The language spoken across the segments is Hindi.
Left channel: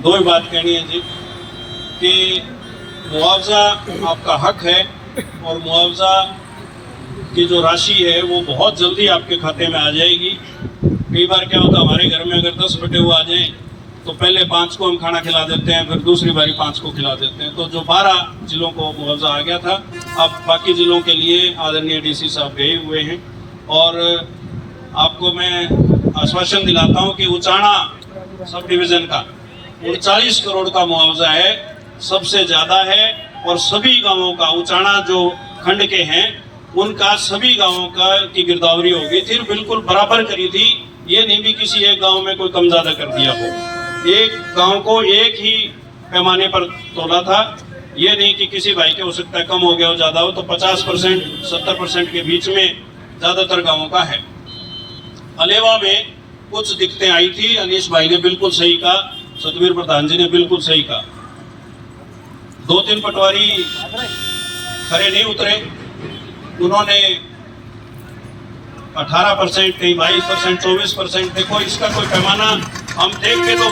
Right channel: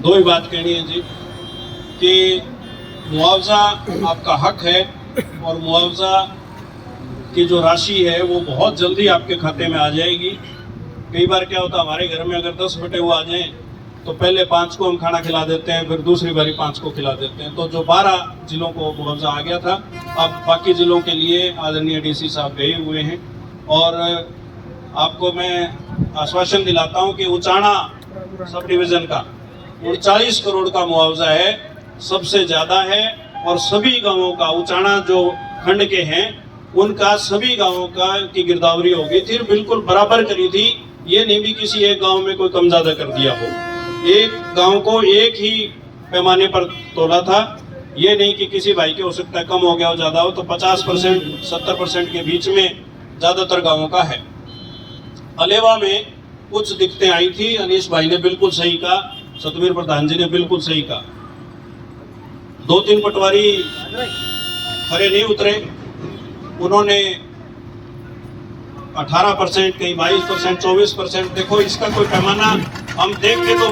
दो ही बात कहनी है जी कि मुआवजा आपका हक है और मुआवजा की जो राशि है वो बहुत जल्दी आपके खाते में आ जाएगी। कई बार क्या होता है, हमारे घर में अगर 10 बटे हुए आ जाएं तो पहले 5 को हम खाना खिला देते हैं, फिर दूसरी बारी 5 को खिला देते हैं। तो जो 12 जिलों को मुआवजा आ गया था, अब बाकी जिलों के लिए आदरणीय डीसी साहब गए हुए हैं। और आपको मैं आश्वासन दिलाता हूं कि उचाना सब डिवीज़न का 39 करोड़ का मुआवजा है, सबसे ज़्यादा है। और सभी गांवों का, उचाना जो खंड के हैं उनका सभी गांवों का की गिरदावरी हो गई थी, बिल्कुल बराबर करी थी। ये नहीं भी किसी एक गांव में कोई कम ज़्यादा कर दिया हो, एक गांव को एक ही पैमाने पर तोला था। ये नहीं कि किसी भाई के हो सकता है कम हो गया हो, ज़्यादा हो, तो 50% 70% के बीच में ज़्यादातर गांवों का है। अलेवा में कुछ दिक्कतें आई थी, अनीश भाई ने बिल्कुल सही कहा, सतवीर प्रधान जी ने बिल्कुल सही कहा। 2-3 पटवारी खरे नहीं उतरे, उन्होंने 18%, कहीं 22%, 24%, देखो इसका कोई पैमाना हम देख के तो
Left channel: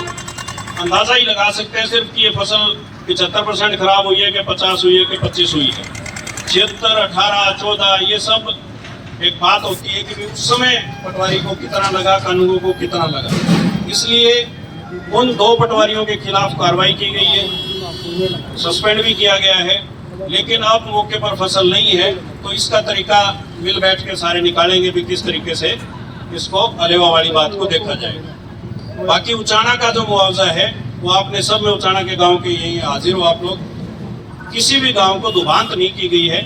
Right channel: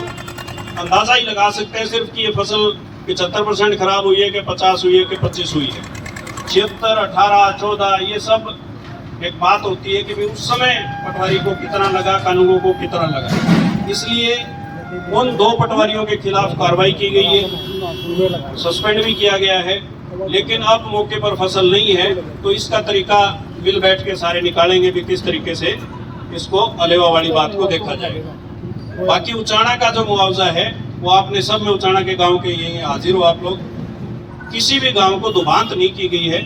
अंदाजा ही लगा सकते हैं सिर्फ कि ये फसल 75% खराब हुई है कि 50 हुई है कि 25 हुई है। 76, 18, 14 ये सब एक बात होती है कि उस समय पटवारी को कितना लगा, कानूनों को कितना लगा। इसलिए उन 2 पटवारियों के खिलाफ कार्रवाई की गई है, सस्पेंड भी किया गया है। लेकिन अब मौके पर फसल नहीं है तो इसका तरीका मिल बैठ के सारे निकालेंगे भी किस तरीके से इसको अलेवा वाली बात को देखा जाएगा। बाकी उचाना का जो मुआवजा है वो आपने सब में, उचाना के गांव के यही हाजिर हो आप लोग, किसी भी गांव को दुभांत नहीं की गई है।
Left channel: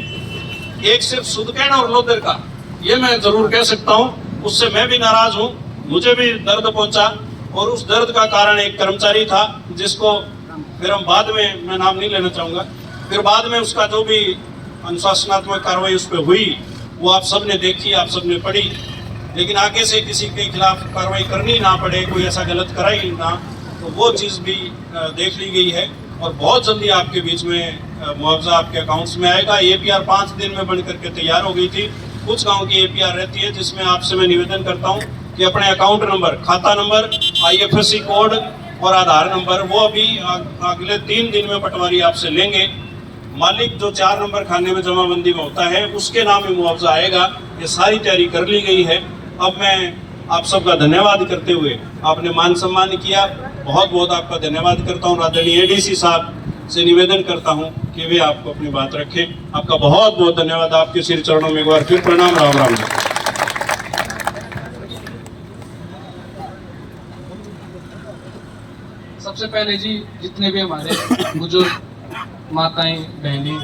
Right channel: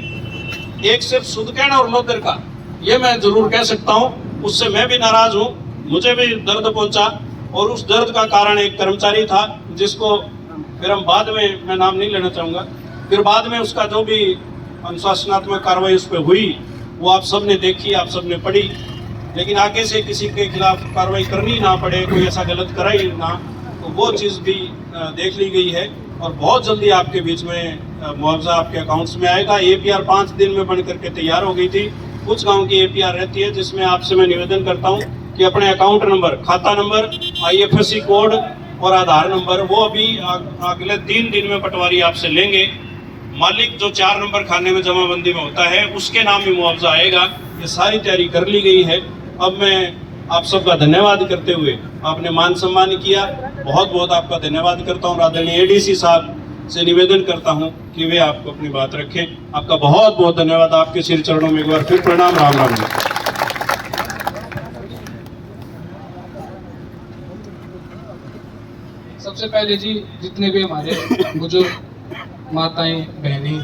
एक सिर्फ सुदकैन और लोदर का, ये मैं जरूर कह सकता हूँ, उससे मैं भी नाराज हूँ, मुझे भी दर्द पहुंचा। और उस दर्द का कारण एक कर्मचारी था जिसको फिर हम बाद में, मैं नाम नहीं लेना चाहूँगा, फिर बाद में उसका जो भी अनुशासनात्मक कार्रवाई उस पर हुई वो आप सब ने देखी, आप सब ने पढ़ी। लेकिन आगे से किसी के खिलाफ कार्रवाई करनी ना पड़े, कोई ऐसा गलत करा ही ना, तो वो चीज़ भी देख ली गई है। और बहुत जल्दी आपके बीच में मुआवजा आपके अकाउंट्स में आएगा। APR 5 दिन में बन करके तैयार हो गई थी। कुछ गाँव की APR रहती है जिसमें आपसे मैं निवेदन करता हूँ कि अपने अकाउंट नंबर, खाता नंबर, IFSC कोड और आधार नंबर वो अभी अगले 3 दिन में पटवारी आपसे लेंगे। मालिक जो 4 नंबर खाने में जमाबंदी में होता है उसके नाम में मुआवजा आएगा। ये सारी तैयारी कर ली गई है। अब मैं आप सबका धन्यवाद करते हुए, आपने मान सम्मान किया, बहुत बहुत आपका धन्यवाद करता हूँ। आदरणीय ADC साहब से निवेदन करता हूँ कि वे आपको अपनी बात रखें। आपका बहुत बहुत धन्यवाद। आपके सिर चरणों में एक बार फिर प्रणाम। राम राम जी। सबसे पहले जी, जितने भी हमारे बुजुर्ग माताएं, बहनें,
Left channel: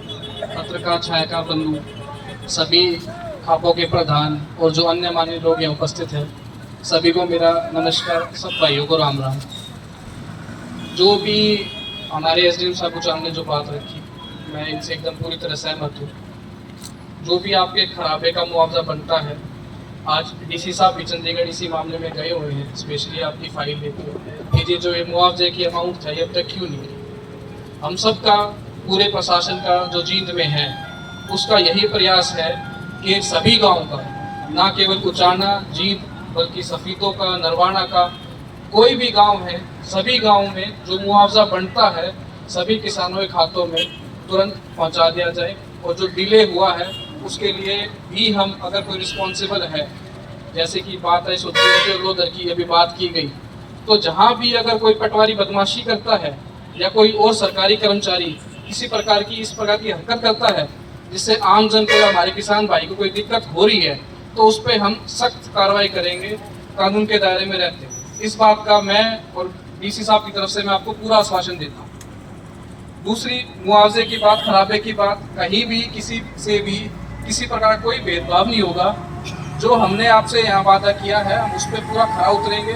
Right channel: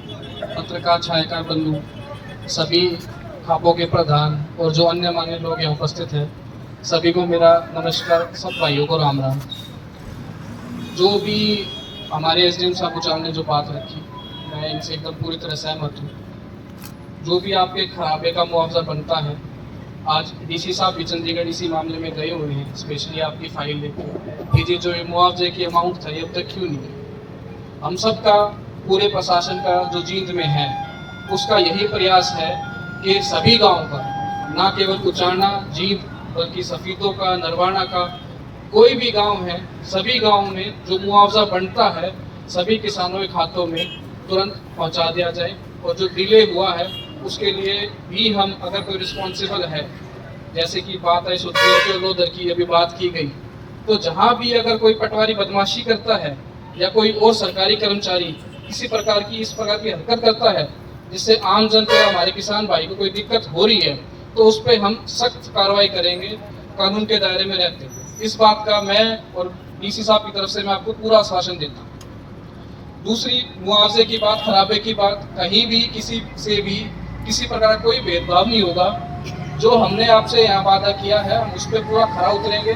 पत्रकार, छायाकार बंधु, सभी खापों के प्रधान और जो अन्य मान्य लोग यहाँ उपस्थित हैं, सभी को मेरा नमस्कार। सब भाइयों को राम राम। जो भी हमारे SDM साहब उचाना ने जो बात रखी, मैं इनसे एकदम पूरी तरह सहमत हूँ। जो भी आपके खराबे का मुआवजा बनता है, आज DC साहब भी चंडीगढ़ इसी मामले में गए हुए हैं, स्पेशली आपकी फाइल लेके कि जो ये मुआवजे की अमाउंट था ये अब तक क्यों नहीं गई। हम सब का, पूरे प्रशासन का जो जींद में है, उसका यही प्रयास है कि सभी गाँव का, ना केवल उचाना जींद बल्कि सफीदों का, नरवाना का, कोई भी गांव है, सभी गांवों में जो मुआवजा बनता है सभी किसानों के खातों में तुरंत पहुंचा दिया जाए। और जो डिले हुआ है उसके लिए भी हम, अगर कोई रिस्पॉन्सिबल है, जैसे कि बात है सुदकैन लोदर की अभी बात की गई, तो जहाँ भी अगर कोई पटवारी बदमाशी करता है या कोई और सरकारी कर्मचारी किसी प्रकार की इस प्रकार की हरकत करता है जिससे आम जन को, हमारे किसान भाई को कोई दिक्कत हो रही है, तो उस पर हम सख्त कार्रवाई करेंगे कानून के दायरे में रहते हैं। इस बात का मैं और DC साहब की तरफ से मैं आपको पूरा आश्वासन देता हूँ। दूसरी, मुआवजे की बात, खराबे की बात, कहीं भी किसी से भी किसी प्रकार का कोई भेदभाव नहीं होगा। जो हमने आपसे यहाँ वादा किया है हम उस पर पूरा खरा उतरेंगे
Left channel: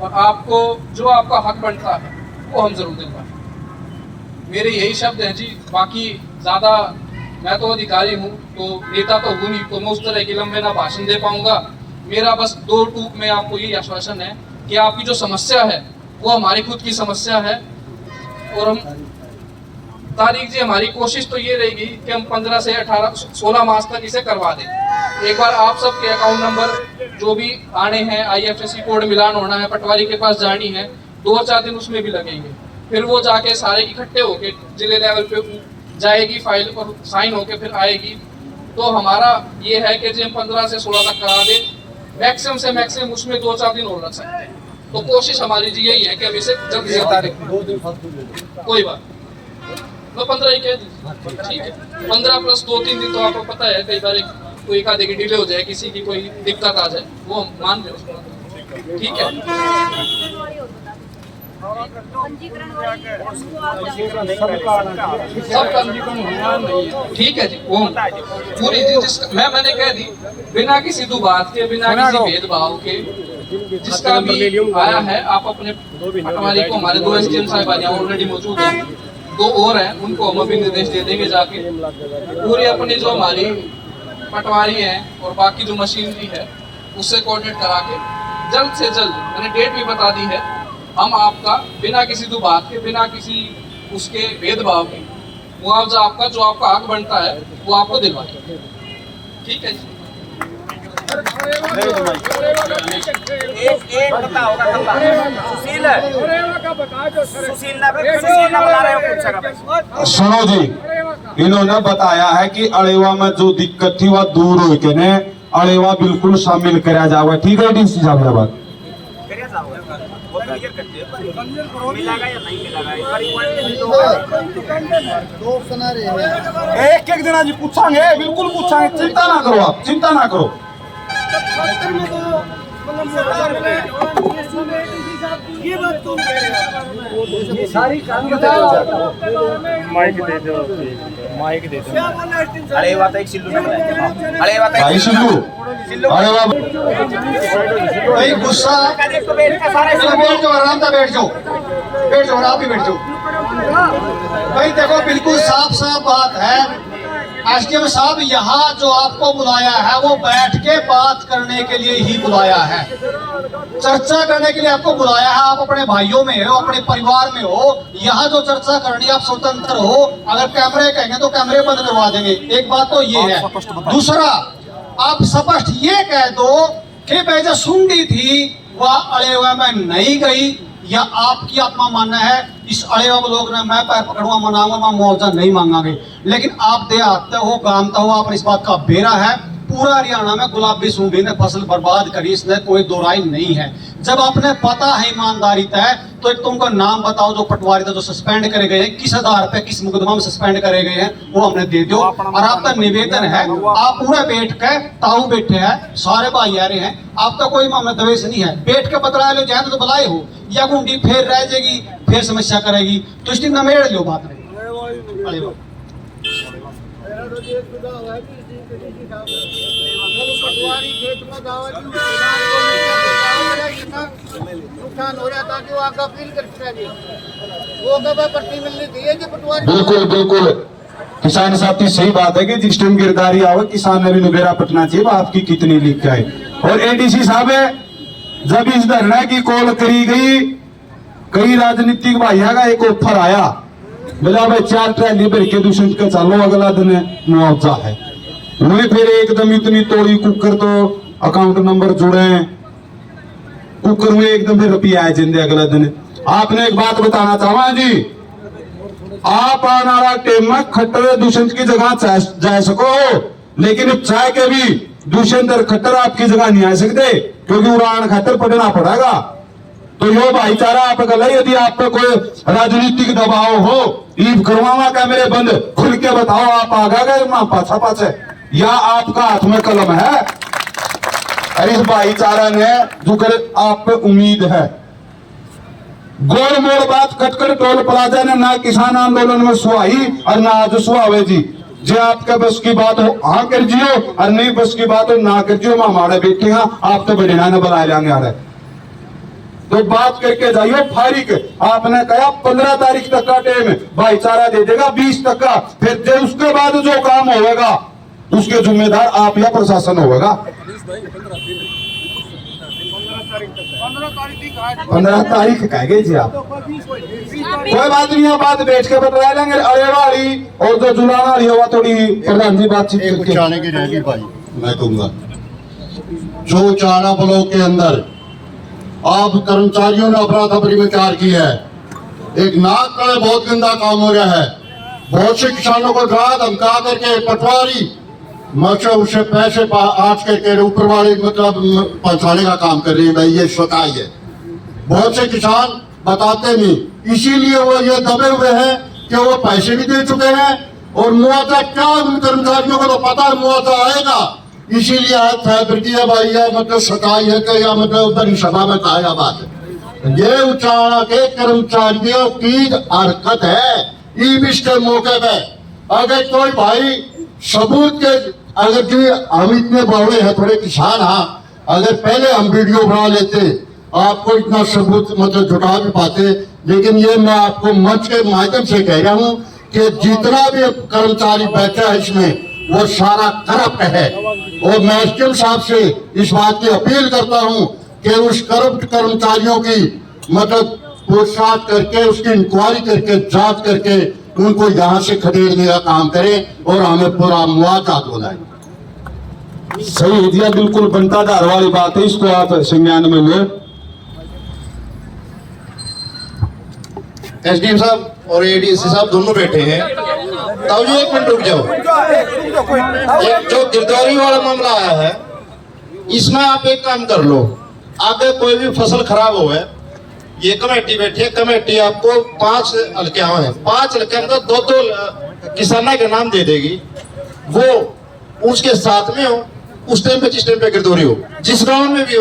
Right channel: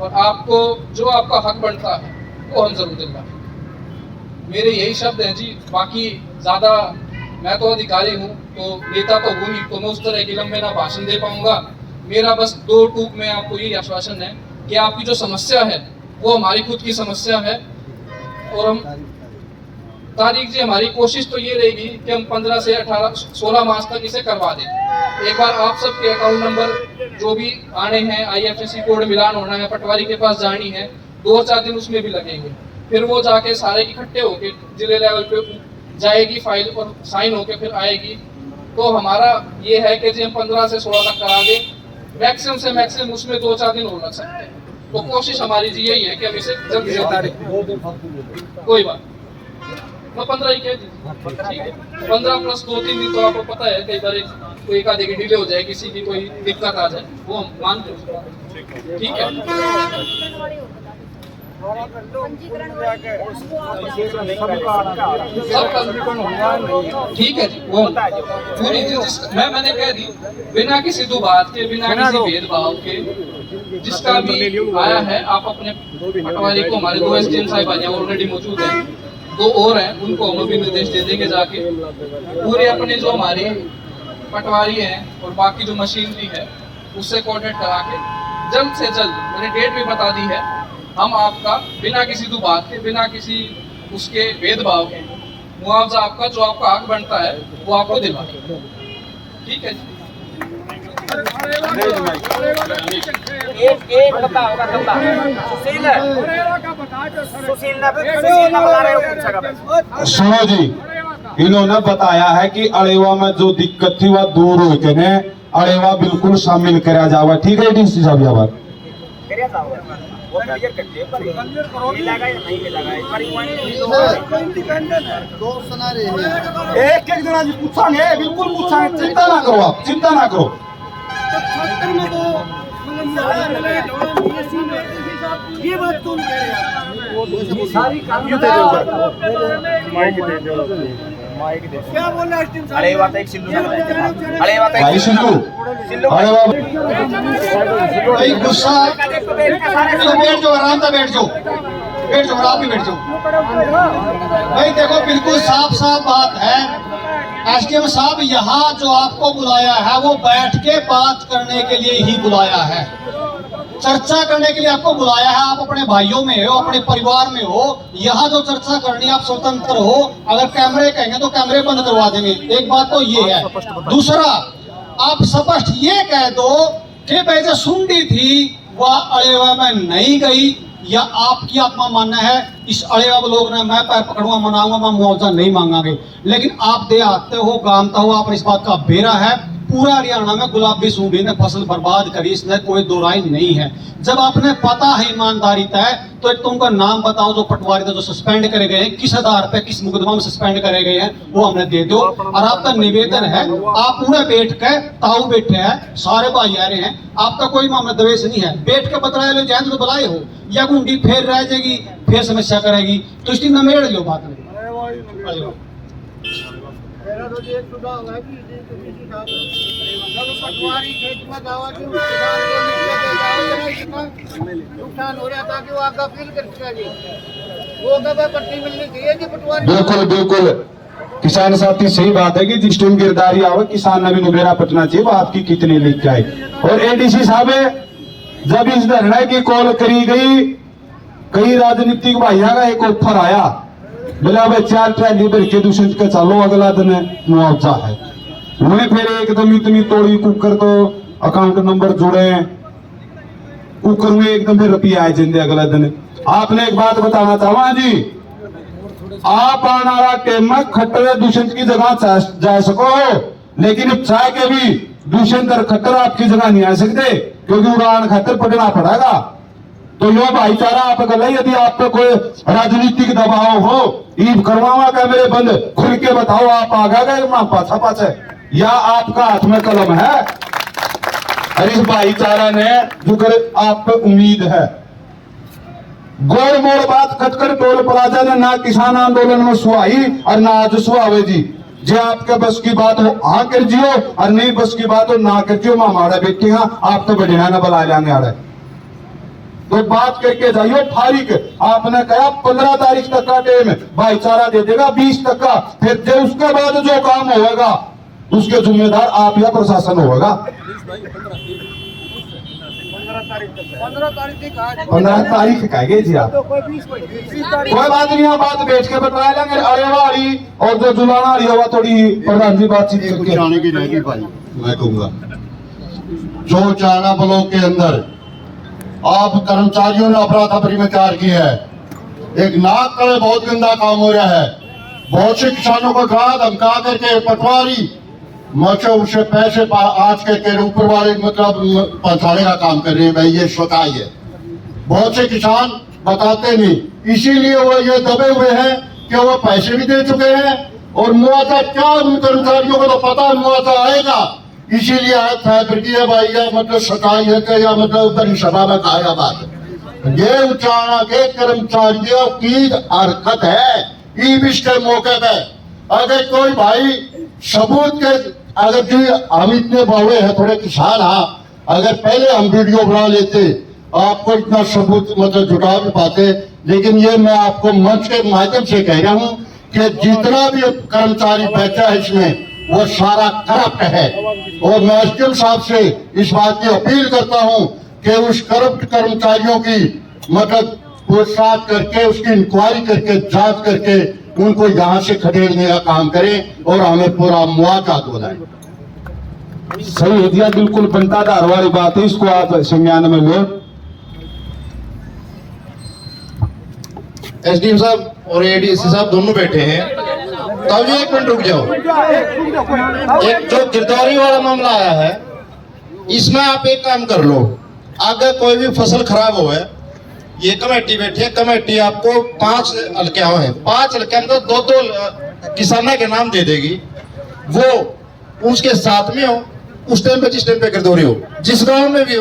और आपको जो आपका हक बनता है वो हम जरूर दिलवाएंगे। मेरे यही शब्द हैं जी। बाकी ज़्यादा, मैं तो अधिकारी हूँ तो नेता तो हूँ नहीं, तो मैं उस तरह की लंबे ना भाषण दे पाऊंगा। मेरा बस 2 टूक में आपको यही आश्वासन है कि आपकी जो समस्या है वो हमारी खुद की समस्या है। और हम तारीख जी, हमारी कोशिश तो ये रहेगी कि हम 15 से 16 मास तक इसे करवा दें। एक बार आप सबके अकाउंट नंबर जो भी आने हैं, IFSC कोड मिलान होना है, पटवारी के पास जानी है, 2 और 4 दिन उसमें भी लगेंगे। फिर वो जाके सारे इकट्ठे होके जिले लेवल पे जाएगी, फाइल पर साइन होके फिर आएगी। तो हमारा ये है कि जी हम 15 से 16 तक करा दें, मैक्सिमम से मैक्सिमम उसमें 2-4 दिन और लग सकते हैं। तो कोशिश हमारी जी यही है कि हम इसे जल्दी से जल्दी, कोई बात मैं 15 ही कह दी, ठीक है। 15 प्लस 2-3 दिन तो आपको पता है कई बार कोई एक आधे की डिले हो जाए, किसी की कोई दिक्कत आ जाए, वो हम मान के उसको, ठीक है। ठीक है जी, वो पूरी मैंने कह दी, बिना किसी दुबात के, बिना किसी भेदभाव के, जिसका भी आया है आप अपने पटवारी को, हमारे 2 एसडीएम साहब यहाँ ऑलरेडी मौजूद हैं, 2 और हैं, उनको हम अभी निर्देश दे देंगे जाके पूरे अपनी जो हमारी पटवारी हैं और बाकी जो मशीनरी है उससे कोऑर्डिनेट करा के जल्द से जल्द, मैंने डेट भी बता दी है, हम आपका बिना किसी दुबात के, बिना किसी उसके भेदभाव के मुआवजा आपका जो आपका हक बनता है वो आपको दिलवाएंगे, ठीक है जी। एक बता होगा कल्ला सुशील ने बता रहे हो पूछेगा। सुनो जी, इन्होंने बताया है कि अड़ेवा में जो दिक्कत थी वह दूर हो के ने अड़ेवा बिल्कुल शामिल करा जावा, ठीक है डीसी साहब? यह बात वो क्लियर करते हैं, पर मिलेगा या नहीं मिलेगा इस बार एक जना जी पूछांगे, बिल्कुल पूछांगे, चिंता ना करो आप, चिंता ना करो। सारी माइक दे दो। अरे बात एक सिल्लू ने बताई, अरे बात भाई सिल्लू, अरे वाह भाई गुस्सा, बैठ जाओ, आराम से बैठ जाओ, बैठ जाओ, आप ही बैठ जाओ। भाई देखो, बिल्कुल साफ साफ बात है, एसडीएम साहब यहाँ जो आपको बुलाया है वो बैठ के बात करने के लिए ही बुलाया है, चर्चा करने के लिए आपको बुलाया है। आप अपने भाइयों में हो, अपने परिवार में हो, यहाँ जो चर्चा करनी आप स्वतंत्र हो। अगर कैमरे कहेंगे तो कैमरे बंद करवा देंगे, एक बात तो ये है। दूसरा, आप स्पष्ट ये कह दो कि भाई जो सुंडी थी वह अड़ेवा में नहीं गई, या आपकी अपना मानना है इस अड़ेवा लोग ने मैं पैर पकड़ूंगा, मनाऊंगा, मैं मुआवजा नहीं मांगांगे। लेकिन आप दे आते हो, गामता हो, आप इस बात का बेरा है। पूरा हरियाणा में गुलाबी सूंघी ने फसल बर्बाद करी, इसमें कोई दो राय नहीं है। जब आपने पता है ईमानदारी तय, तो एक तुमको नाम बताओ जो पटवारी था जो सस्पेंड करे गए हैं, किस आधार पे, किस मुकदमा में सस्पेंड करे गए हैं, वो हमने दे दो। और आपका निवेदन है, आप पूरा बैठ के, ताऊ बैठे हैं, सारे भाई आ रहे हैं, आपका कोई मामला दवेश नहीं है, बैठ के बतला लो, जाए तो बुलाए हो, या गुंडी फिर रह जाएगी, फिर समस्या करेगी, तो इस दिन नमेड़ लो बात नहीं। नुकसान हो रहा था कि वो आगे अपील करता जी, वो कब पर्ची मिलनी चाहिए कि पटवारी। बिल्कुल बिल्कुल, किसान साथी सही बात है कि जिस टाइम गिरदारी आवे किसान ने भी नुबेरा पटना चाहिए, आपकी कितनी लिख के आई। और एडीसी साहब जब इस धरना की कॉल करी गई, कई राजनीतिक भाइयों का एक ऑफर आया, बोला भाई 4 ट्रैली भर के दूषित के चलो, अगला दिन मुआवजा है। वही फिर एकदम इतनी तोड़ी कुकर, तो अकाउंट नंबर जुड़े, कुकर में एकदम फिर रुपया आए जिंदे अगला दिन। आपने एक बात बताना चाहवा जी, आप आने वाला टाइम में खट्टर दूषित की जगह जा सको, लेकिन चाय के भी दूषित और खट्टर आपकी जगह नहीं आ सकते, क्योंकि उड़ान खातर पढ़ना पड़ेगा। तो यो भाईचारा आप गल, यदि आप पे कोई राजनीतिक दबाव हो, ईब करवावा कैमरे बंद, खुल के बताओ आप आगा गए पाछा पाछे, या आपका हाथ में कलम है। और इस भाईचारा ने जो कर आप पे उम्मीद है। गोल मोड़ बात कटकर टोल प्लाजा ने ना किसान आंदोलन में सुहाई और ना आज सुहावे जी। जे आपके बस की बात हो हाँ कर जियो, और नहीं बस की बात हो ना कर जियो, मैं हमारे बेटे आप तो बढ़िया न बुला लेंगे आ रहे, तो बात करके जाइए फारिक। आपने कहा 15 तारीख तक का टाइम भाईचारा दे देगा, 20 तक का, फिर उसके बाद जो काम होगा उसके जिम्मेदार आप या प्रशासन होगा। 15 तारीख कहेंगे जी आप, कोई बात नहीं, बात बैठ के बता लेंगे। अरे वाली और जो जुलाना वाली हवा थोड़ी प्रधान जी बातचीत करके आने की रहेगी भाई। मैं कहूंगा जो चारा ब्लॉक के अंदर आप कर्मचारियों ने अफरा तफरी में कार्य किया है, एक नाक का बहुत गंदा काम हो रहा है। बहुत से किसानों को डरा धमका करके पटवारी मतलब उससे पैसे आज के ऊपर वाले मतलब पहुंचाने का काम कर रहे हैं। भाई ये सताई है। बहुत से किसान बताते नहीं, इसीलिए वो ये दबे हुए हैं कि वो पैसे भी दे चुके हैं और मुआवजा क्या उन कर्मचारियों को तो पता है मुआवजा आएगा, इसीलिए आज फैसला किया भाई या मतलब सताई है कि या मतलब उधर सभा में कहा बात है। ये उचाड़ा के कर्मचारियों की हरकत है। ईबिश के मौके पे अगर कोई भाई सबूत के अगर जो हम इतने बड़े हैं थोड़े किसान हाँ, अगर पहले हम वीडियो बना लेते आपको इतना सबूत मतलब जुटा भी पाते। लेकिन ये मैं आपको मंच के माध्यम से कह रहा हूँ कि जितना भी कर्मचारी बैठा है इसमें वो सारा करप्ट है। और मैं एसडीएम साहब से इस बात की अपील करता हूँ कि उस करप्ट कर्मचारियों की मतलब पूछताछ करके उसकी इंक्वायरी करके जांच करके उनको यहाँ से खदेड़ने का काम करें और हमें पूरा मुआवजा दिलाएं। सही है दिया, बिल्कुल बनता धार वाली बात है, इसको आप संज्ञान में लो। एसडीएम साहब और एडीसी साहब दोनों बैठे हैं। तब जी एक मिनट रुक जाओ। एक जो गिरदावरी वाला मामला आया है इसमें आप एक काम कर लो, आगे कोई भी फसल खराब हो है, ये कमेटी बैठी है, कमेटी आपको 5 हल्के हैं, 5 हल्के में तो 2 किसानों के नाम दे देगी। वो उसके साथ में हो उस टाइम पे जिस टाइम पे गिरदौरी हो, जिस गांव में भी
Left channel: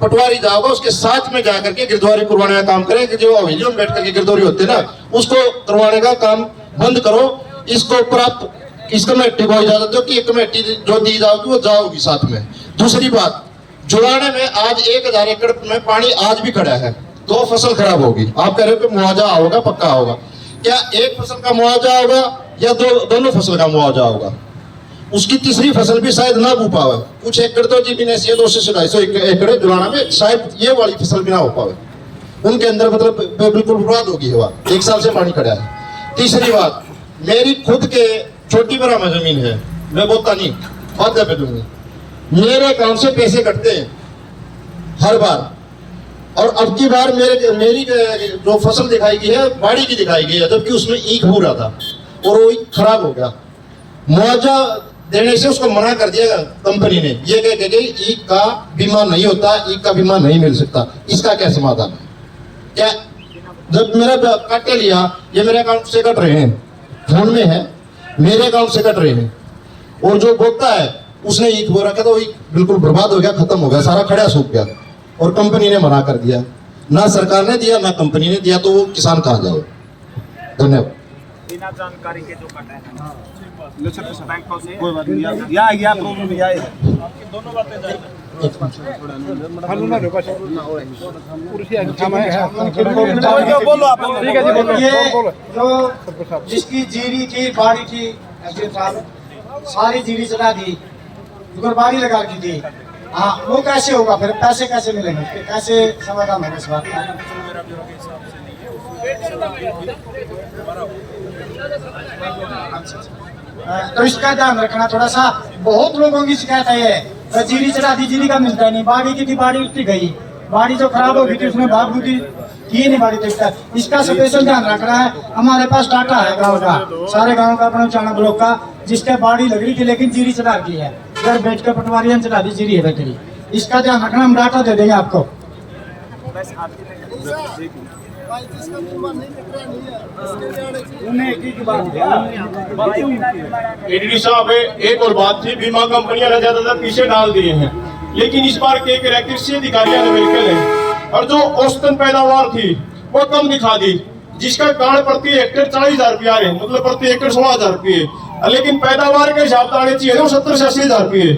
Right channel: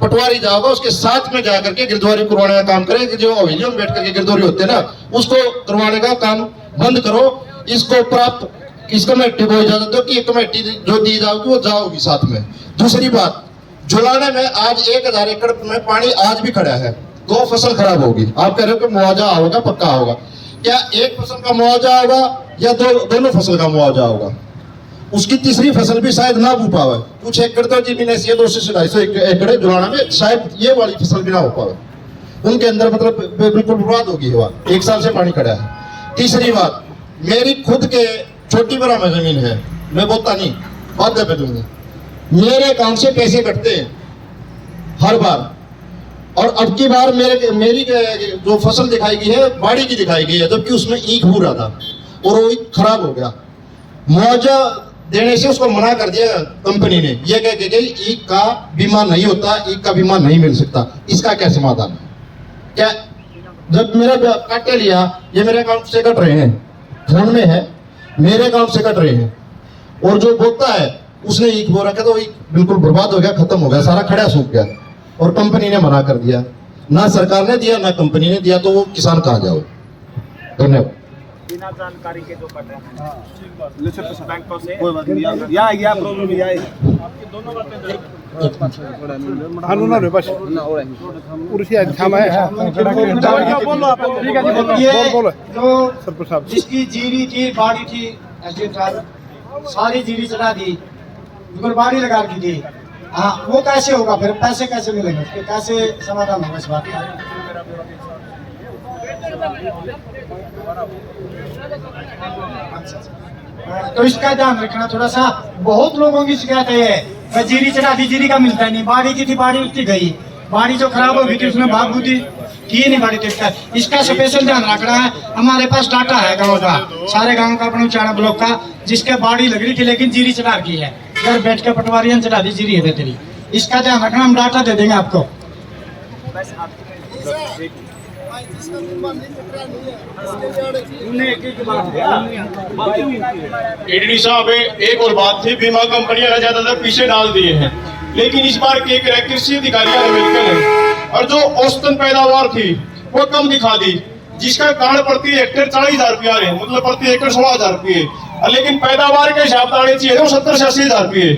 पटवारी जाओगा उसके साथ में जाकर के गिरदौरी करवाने का काम करें। कि जो अभियोग में बैठ करके गिरदौरी होते हैं ना उसको करवाने का काम बंद करो। इसको प्राप्त इस कमेटी को इजाजत दो कि ये कमेटी जो दी जाओगी वो जाओगी साथ में। दूसरी बात, जुलाने में आज 1000 एकड़ में पानी आज भी खड़ा है, 2 फसल खराब होगी। आप कह रहे हो कि मुआवजा होगा, पक्का होगा। क्या एक फसल का मुआवजा होगा या दोनों फसल का मुआवजा होगा? उसकी तीसरी फसल भी शायद ना हो पावे। कुछ एकड़ तो जमीन ऐसी है 200 से 250 एकड़ जुलाना में शायद ये वाली फसल भी ना हो पावे। उनके अंदर मतलब बिल्कुल बर्बाद होगी हवा, 1 साल से पानी खड़ा है। तीसरी बात, मेरी खुद के छोटी बड़ा में जमीन है, मैं बोलता नहीं वादा पे दूंगा, मेरे अकाउंट से पैसे कटते हैं हर बार। और अब की बार मेरी जो फसल दिखाई गई है बाड़ी की दिखाई गई है, जबकि उसमें ईख हो रहा था और वो ईख खराब हो गया। मुआवजा देने से उसको मना कर दिया कंपनी ने, ये कह के ईख का बीमा नहीं होता, ईख का बीमा नहीं मिल सकता। इसका क्या समाधान है? क्या जब मेरा काटे लिया, ये मेरे अकाउंट से कट रहे हैं, फोन में है, मेरे अकाउंट से कट रहे हैं, और जो बोलता है उसने ईख बो रखा, तो ईख बिल्कुल बर्बाद हो गया, खत्म हो गया, सारा खड़ा सूख गया। और कंपनी ने मना कर दिया, ना सरकार ने दिया ना कंपनी ने दिया, तो वो किसान कहाँ जाओ? धन्यवाद। बिना जानकारी के जो कट है बैंकों से कोई बात नहीं, या प्रॉब्लम या दोनों बातें जिसकी जीरी थी बाड़ी थी एसडीएम साहब सारी जीरी चढ़ा दी, बाड़ी लगा की थी। हाँ, वो कैसे होगा? फिर पैसे कैसे मिलेंगे? कैसे समाधान होगा इस बात का? तो इसका ध्यान रखना थोड़ा सा। बहुत लोगों की शिकायत है, जीरी चढ़ा दी, जीरी का मिलता नहीं, बाड़ी की थी बाड़ी उठती गई, बाड़ी जो खराब हो गई थी उसमें भाग बुद्धि की नहीं बाड़ी। तो इसका स्पेशल ध्यान रखना है। हमारे पास डाटा है गांव का, सारे गांव का, अपने चाणा ब्लॉक का, जिसके बाड़ी लग रही थी लेकिन जीरी चढ़ा की है, घर बैठ के पटवारियां चढ़ा दी, जीरी है बेहतरी। इसका ध्यान रखना, हम डाटा दे देंगे आपको। एडीडी साहब, एक और बात थी, बीमा कंपनियां ने ज्यादातर पीछे डाल दिए हैं, लेकिन इस बार के कृषि अधिकारियों ने मिलकर है और जो औसतन पैदावार थी वो कम दिखा दी, जिसका कारण प्रति हेक्टेयर 40,000 रुपये आ रहे हैं, मतलब प्रति एकड़ 16,000 रुपये, लेकिन पैदावार के हिसाब से आने चाहिए वो 70 से 80,000 रुपये।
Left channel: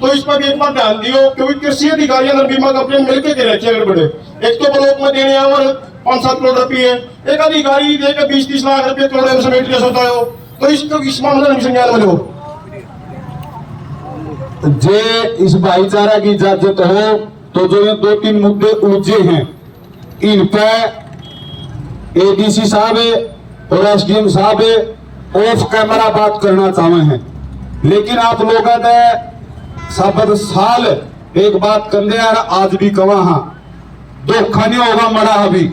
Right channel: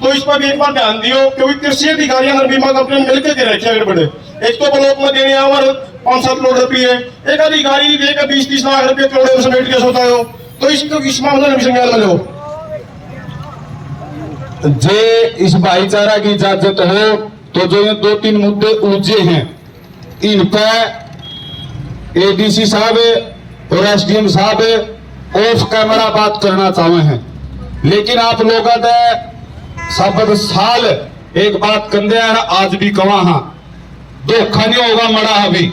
तो इस पर भी एक बार ध्यान दियो, क्योंकि कृषि अधिकारियों और बीमा कंपनी मिलकर के रखे अगर बड़े, एक तो ब्लॉक में देने और 5-7 करोड़ रुपये, एक अधिकारी देकर 20-30 लाख रुपये करोड़ में समेट के सोता हो, तो इसको इस मामले में संज्ञान में लो। जे इस भाईचारा की इजाजत हो तो जो ये 2-3 मुद्दे उलझे हैं इन पे एडीसी साहब और एसडीएम साहब ऑफ कैमरा बात करना चाहे हैं, लेकिन आप लोग सबद साल एक बात कंदे आज भी कवा हाँ धोखा नहीं होगा मरा अभी।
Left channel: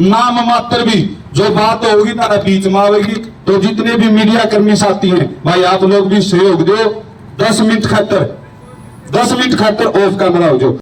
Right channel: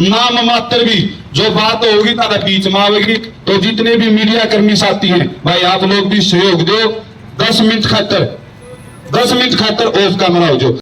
नाम मात्र भी जो बात होगी तारा बीच में आवेगी। तो जितने भी मीडिया कर्मी साथी हैं भाई, आप लोग भी सहयोग दो। 10 मिनट खातर ऑफ कैमरा हो जाओ।